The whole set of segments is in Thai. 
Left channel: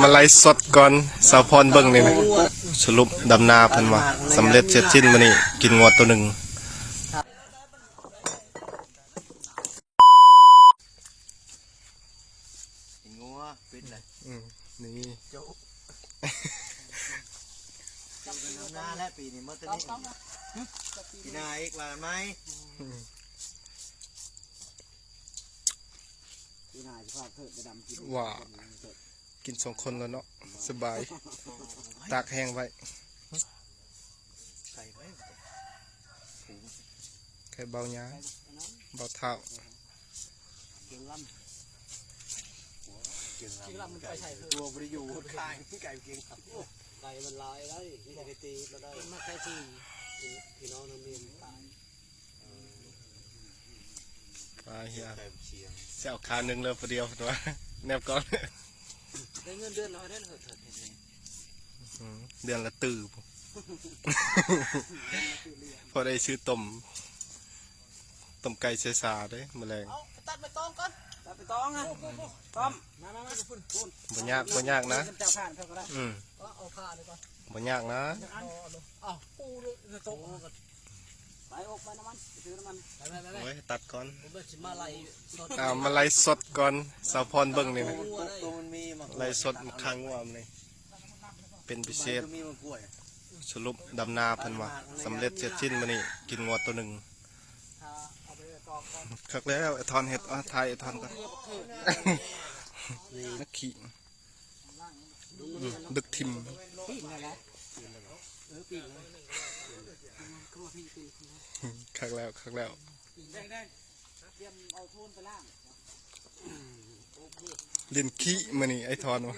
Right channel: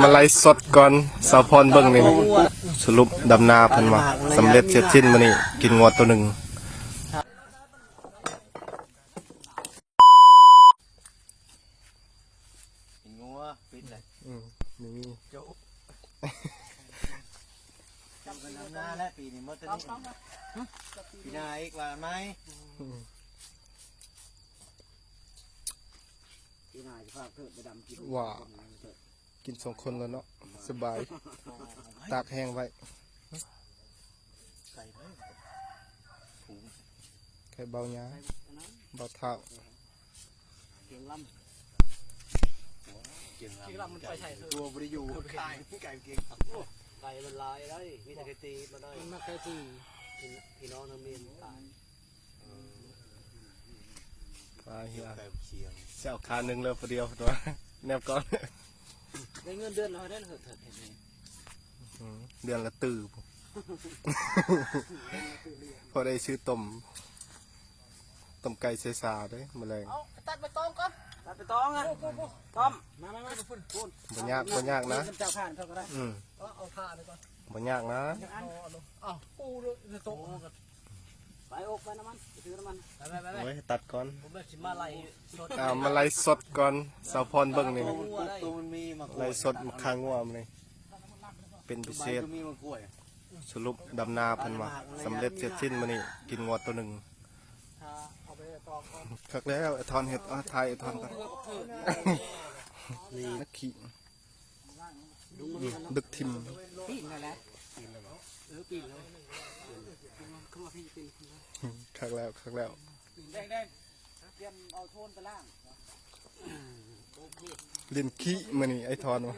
มาไล่สดก่อนสาวพรเบิ่งนี่ไหมสรุปดำนาเพิ่นว่าสำเร็จเสร็จสิ้นมื้อนี้กินงวดตัวหนึ่งงัวปิดเลยนี่จับงัวหน้าแล้วปีนี้มดตัวนี้ปีหน้าอีกว่าไหมปีหน้าจะฝากเถิดไปดำกินว่ากิน2 คนแล้วเนาะสบายตากแห้งไว้ไข่เบาหญ้าเบาเท้าเกี่ยวลำมันไปใส่ตัวบริยูไก่เก่งไก่มันลายได้มีแต่ไก่ตีมาได้นักไก่ตีพี่น้องทำเรียนตายปลาเหี้ยเสี่ยวขาหนึ่งเลยพอเดียวตัวแนบก่อนได้เงินเดือนละเดือนเดือนละตื่นพอได้ซื้อต้มไก่เสซาได้แมลงตัดไปตองก่อนตัดไปตองอ่ะต้อมมาพุ่นบ่ยากนะเอาผ้าเลยก่อนบ่ยากนะเอาปูด้วยโต๊ะไปออกไปน้ำมันซื้อน้ำมันโอ้ยตัดก่อนมาไล่มาไล่สดก่อนสาวพรเบิ่งนี่ไล่สดมาค้างงัวมันเลยเป็นพิเศษสรุปดำนาเพิ่นว่าสำเร็จเสร็จสิ้นมื้อนี้กินงวดตัวหนึ่งคักแล้วไอ้ทอนเห็ดไทยไอ้ทอนก่อนนักขี่ดึกทิมคักแล้วเล่นขี้มื้อนี้ไอ้ทอนวะ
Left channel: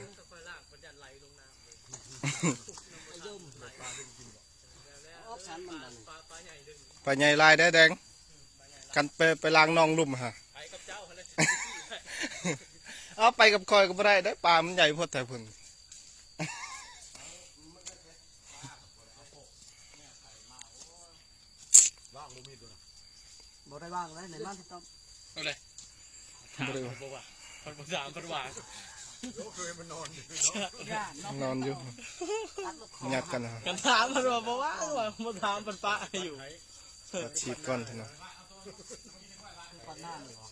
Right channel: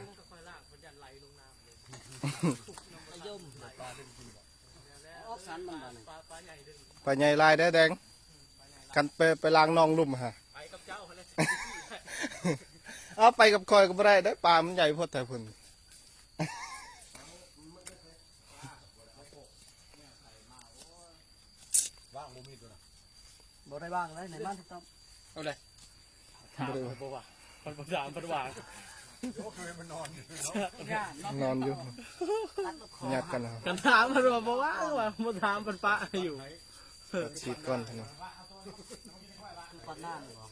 ปลาใหญ่ลายได้แดงกันไปล้างนองลุ่มฮะเอาไปกับคอยก็ไม่ได้ได้ปลามันใหญ่พอแต่พุ่นบ่ได้บ้างเลยในน้องทุกท่านเอาเลยบ่ได้ว่าคนประสานประวานนอนอยู่หยาดกันนะกันถามมันบอกว่ามันถามมันปะอยู่ปาดชีดก้อนท่านปัดหน้าเลยเหรอ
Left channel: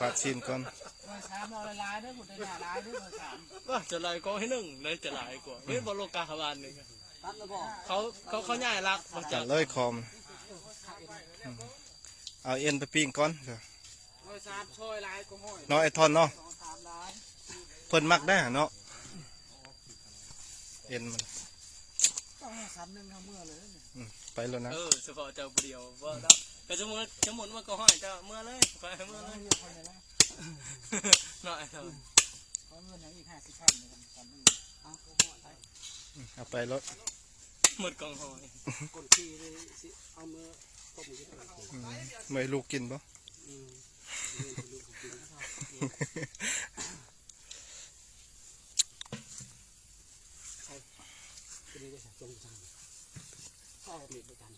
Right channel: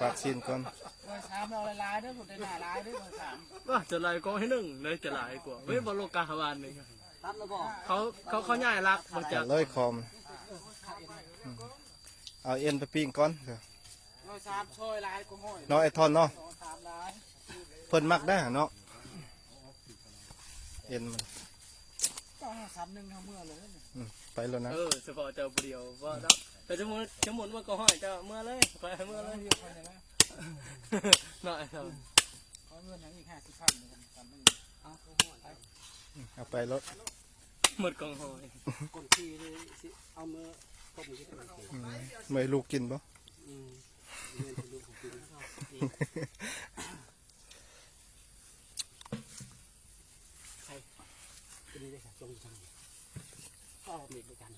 ปาดชีดก้อนสามเราลายด้วยผมได้หน้าลายด้วยสามจะลายก็ให้หนึ่งเลยจะลายกว่าไม่บอลโลกาขวานเลยตัดแล้วบอกเขาใหญ่รักจัดเลยคอมเอาเอ็นไปปิ้งก้อนเนาะไอทอนเนาะเพิ่นมักได้เนาะเอ็นมันไปแล้วนะเฉพาะเจ้าเดียวว่าแต่จะหมุนว่าก็ห้องเจ้าเมื่อเลยไปเมื่อเลยน่าเอาเงินอีก50,000เอาไปรถหมดกองหอยกดที่เอาเมื่อต้มไม่ลูกกินปะ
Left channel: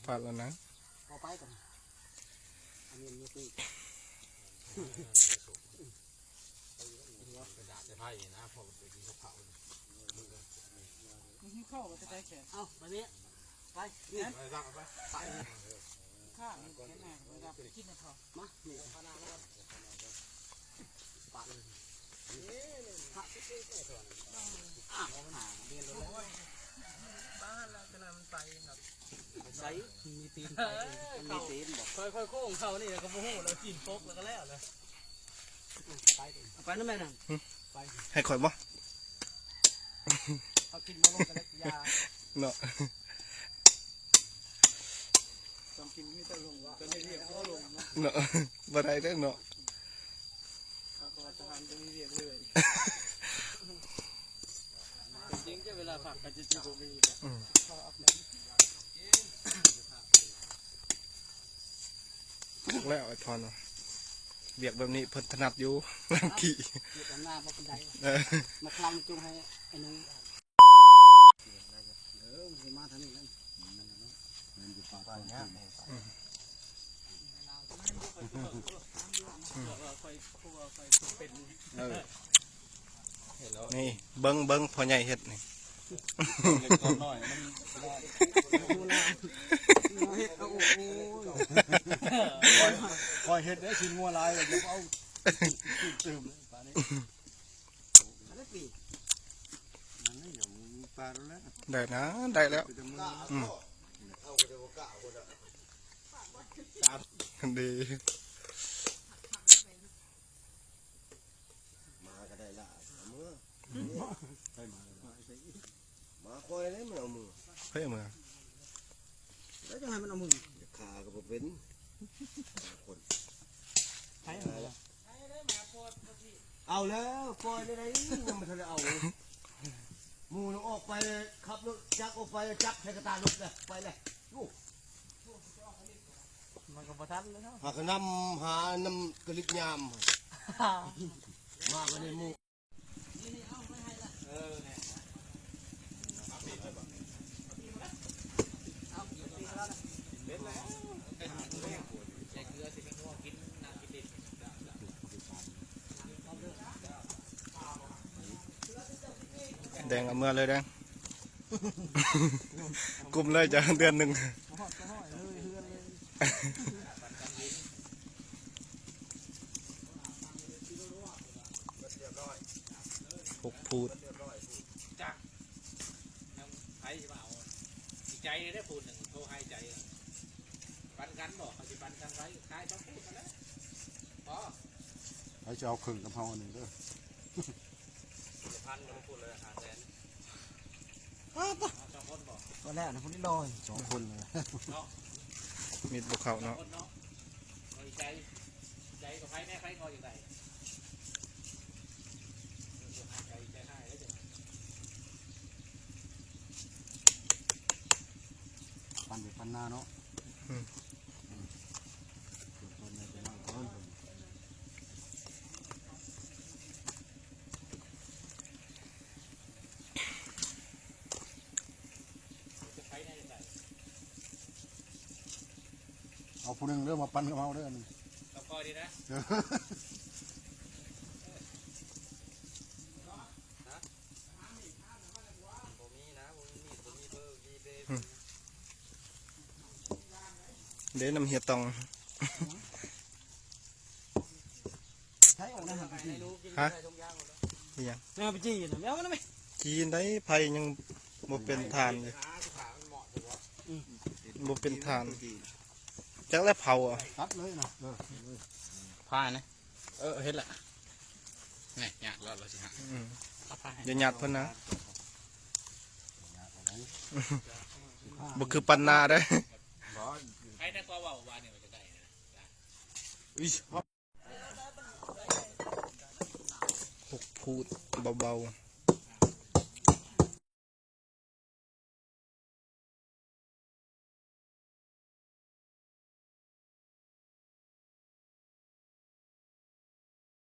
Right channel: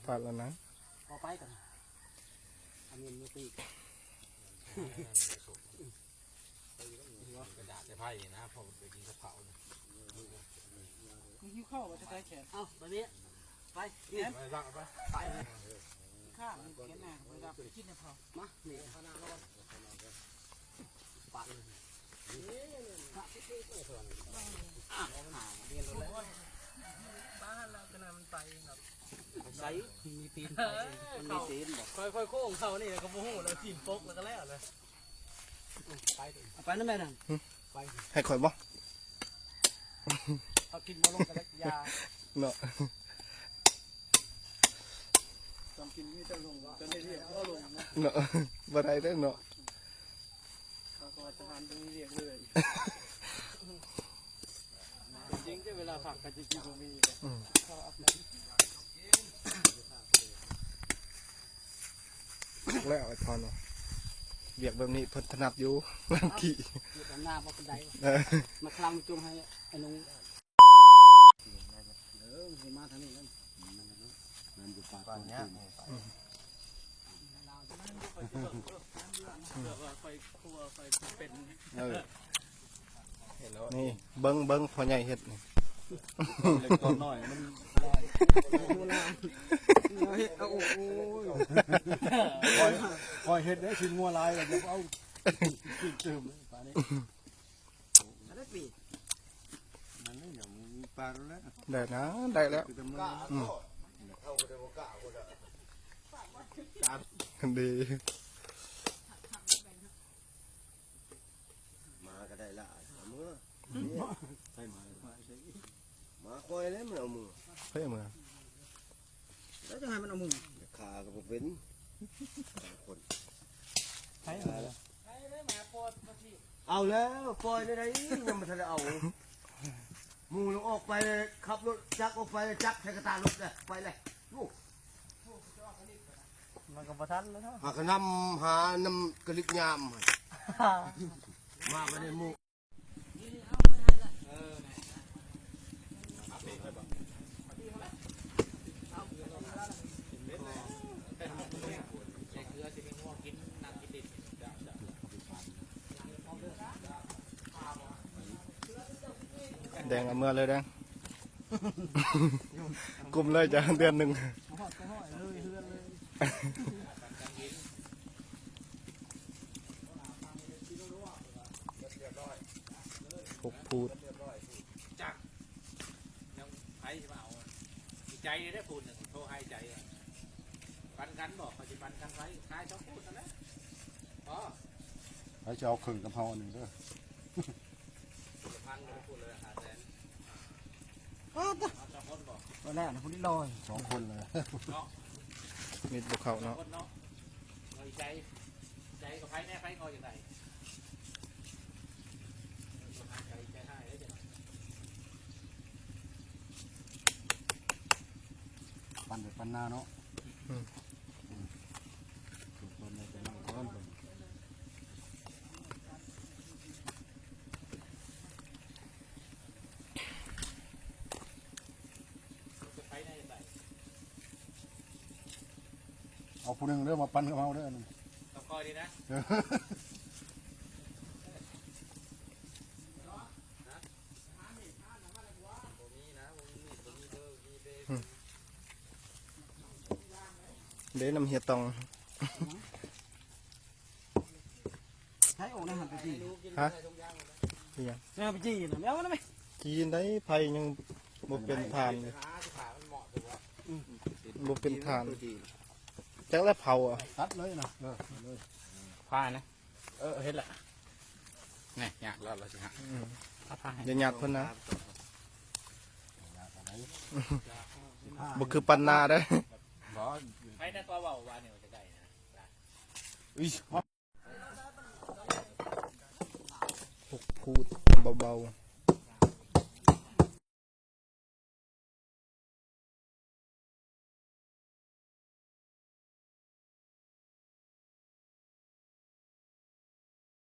พลาดแล้วนะพอไปกันอันนี้ไม่ตีกระดาษจะไพ่นะพอไปกินกระเพราหิ้วข้าวมาจะได้แขนเอาวันนี้ไปเนี่ยไปบ้างไปข้าวมีแขนหน้าไปรับกินกระเพรามาเนี่ยปาดบ้านอะไรกันมันไปแบบใส่มีตีนมีตีนแบบค่อยๆโค้งเขานี่แล้วก็โมโหแล้วตีนฟกแล้วก็แล้วเลยไปนั่นไหมนั่นไปให้ข่อยบ่เอากินมาลงกันแล้วยาเนาะต้องกินไม่ได้ลงจะไม่เรียกเขาลงเนาะบ่ได้ได้เนาะจะมันต้องเรียกเลยจริงๆเวลาผักกันจริงๆผมมีข้าวอัพแล้วไอ้ทอนเบียกแบบนี้เพิ่นถนัดอยู่ลังขี่หน้าพอคนใดมาคลำจุงให้ไอ้นุ่งมาทางนี้เลยมันอยู่ป่าเนี้ย นี่เบิ้งพ่อใหญ่เฮ็ดนี่ น้อยมันเฮ็ดเอาโอ้ยคอยเฮ็ดได้ชิ้นงัวลายอย่าเอาตื่มตานี้ได้ปีมันนี่หนูปลาแล้ว ได้นะได้แล้วดี มาก็ได้ละเอามือมาคอยเลยมันเอามือ เฮ้ยมือ แล้วจะให้มันเอามือ ขาก็บ่เป็นคนเอาแล้วปล่อยได้ไดยังไม่ทันได้เอาหมูลงออกไปเลยขับรถจักออกไปจักใช้กระตารถเลยไปเลยลูก มันก็บ่ทันเลยเนาะ หากนำหานำกระลิกยามมาก็ได้หมู แดงเอาเมื่อเลยแดง กลุ่มเลยจะเดือนหนึ่ง ห้อยเลยเฮือนเลย พกพูด ใจได้ปูนหนึ่งโทรให้ใจปันกันบอกปัจจุบันกันไว้ตายต้องพูดแล้ว เขาจะเอาขึงกับเฮาหนึ่งด้วย พันเลยพูดเลยหาแสน ไปแล้วนะพุ่นลอย2 คนเลย มีดบุกเขาเนาะ คนเนาะใจใจกับใครแม่ใครคอยอยู่ไหนใจให้แล้วจะ ปั่นไปปั่นหน้าเนาะเอาผู้หนึงเริ่มมาปั่นกับเฮาเด้อนี่ ต้องคอยดีนะผมมีนะผมมีเบอร์มีเบอร์ เดี๋ยวนำเฮียตอง ใช้โอ่งนะหันไปจี้ ฮะที่ยัง เนี่ยไปจี้นะไม่เอานะไหม จีนได้ไผยังบ่เป็นทานเลย ขาที่ขามันเหมาะตัว บ่เป็นทานจักแล้วเผาอ่ะ ตัดเลยนะเลย พายนะเห็นแหละไงเนี่ยเราจะหา อย่าหยัดเพิ่นนะบ่คือปันนาได้ ใครนั่นก็ว่าวันนี้จะได้ พกพูดเบาๆ